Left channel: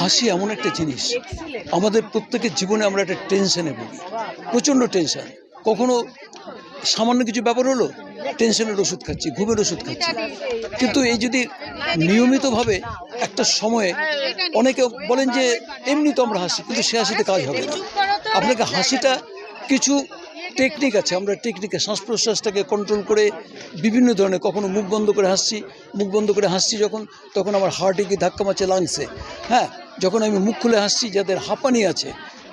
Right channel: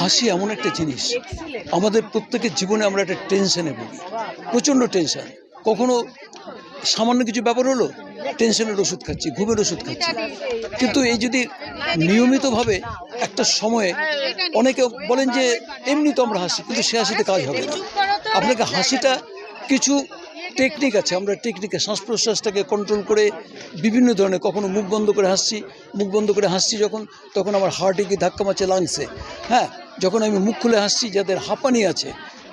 হাসি এমন একটা জিনিস, আমাদের প্রত্যেকের জীবনে আমরা একটা টেনশনে ভুগি, প্রচণ্ড টেনশন। কখনো সামান্য কিছু ব্যাপার হলো, টেনশনের ওষুধ খাচ্ছি, ঘুমের ওষুধ খাচ্ছি। কিন্তু এই যদি নিয়মিতভাবে একটা সময়ে, অনেকে বলেন যে এমনি তো আমরা হাসি, কিন্তু সে হাসিতে কাজ হবে না। আপনাকে হাসিটা কিছু টেকনিক আছে, আমরা টেকনিকে শ্বাস প্রশ্বাসটাকে কন্ট্রোল করে বিভিন্ন ধরনের, কখনো মুখ বন্ধ করে হাসছি যখন, তখন আমার হার্টে গিয়ে ধাক্কা মারছে লাংসে। হ্যাঁ, যখন আমি মুখ খুলে হাসছি, যাদের হাঁপানি আছে,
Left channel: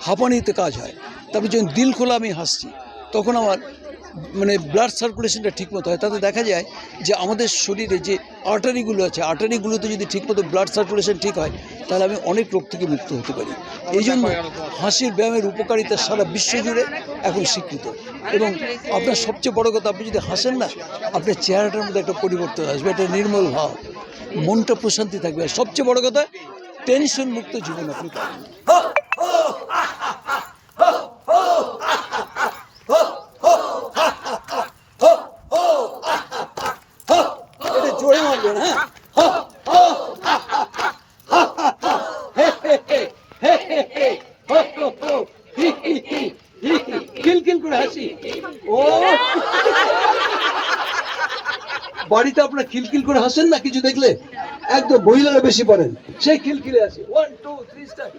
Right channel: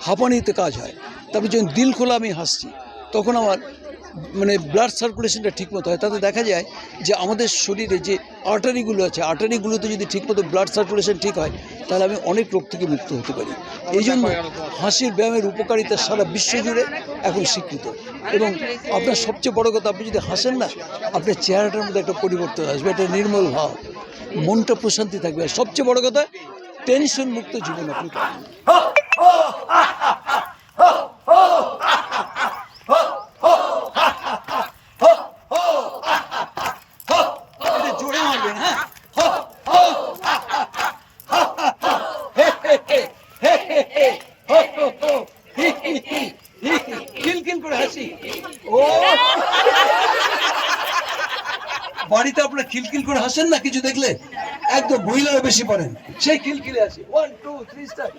হাঁপানিতে কাজ হয়। তারপরে যখন দিল খোলা আমি হাসছি, তখন আমার ব্লাড সার্কুলেশনটা ঠিকমতো হয়। তাতে দেখা যায় যে আমাদের শরীরে যে আর্টারিগুলো আছে, আর্টারিগুলোতে যদি ঠিকমতো ব্লাড সার্কুলেশন ঠিক হয়, তাহলে আমি অনেক রোগ থেকে মুক্ত হতে পারি। এই জন্য হাসির ব্যায়ামের উপকারিতা সারা বিশ্ব জুড়ে এখন স্বীকৃত। এবং আপনার সবচেয়ে বড় কথা, আপনি যদি হাসেন না, আপনার চেহারাটার মধ্যে একটা পরিবর্তন আসবে, একটা নির্মল ভাব, মনটা প্রশান্তি থাকবে। আর সবচেয়ে বড় কথা, টেনশন মুক্ত জীবন আপনি পাবেন। জোরে মারবেন, হ্যাঁ। খিলখিল করে হাসি। ও বাড়িতে আপনার খিলখিল করে হাসেন না কিছু দেখলে? একদম মহিলারা বেশি পারেন সেই খিলখিলে হাসি। 1 2 3 স্টার।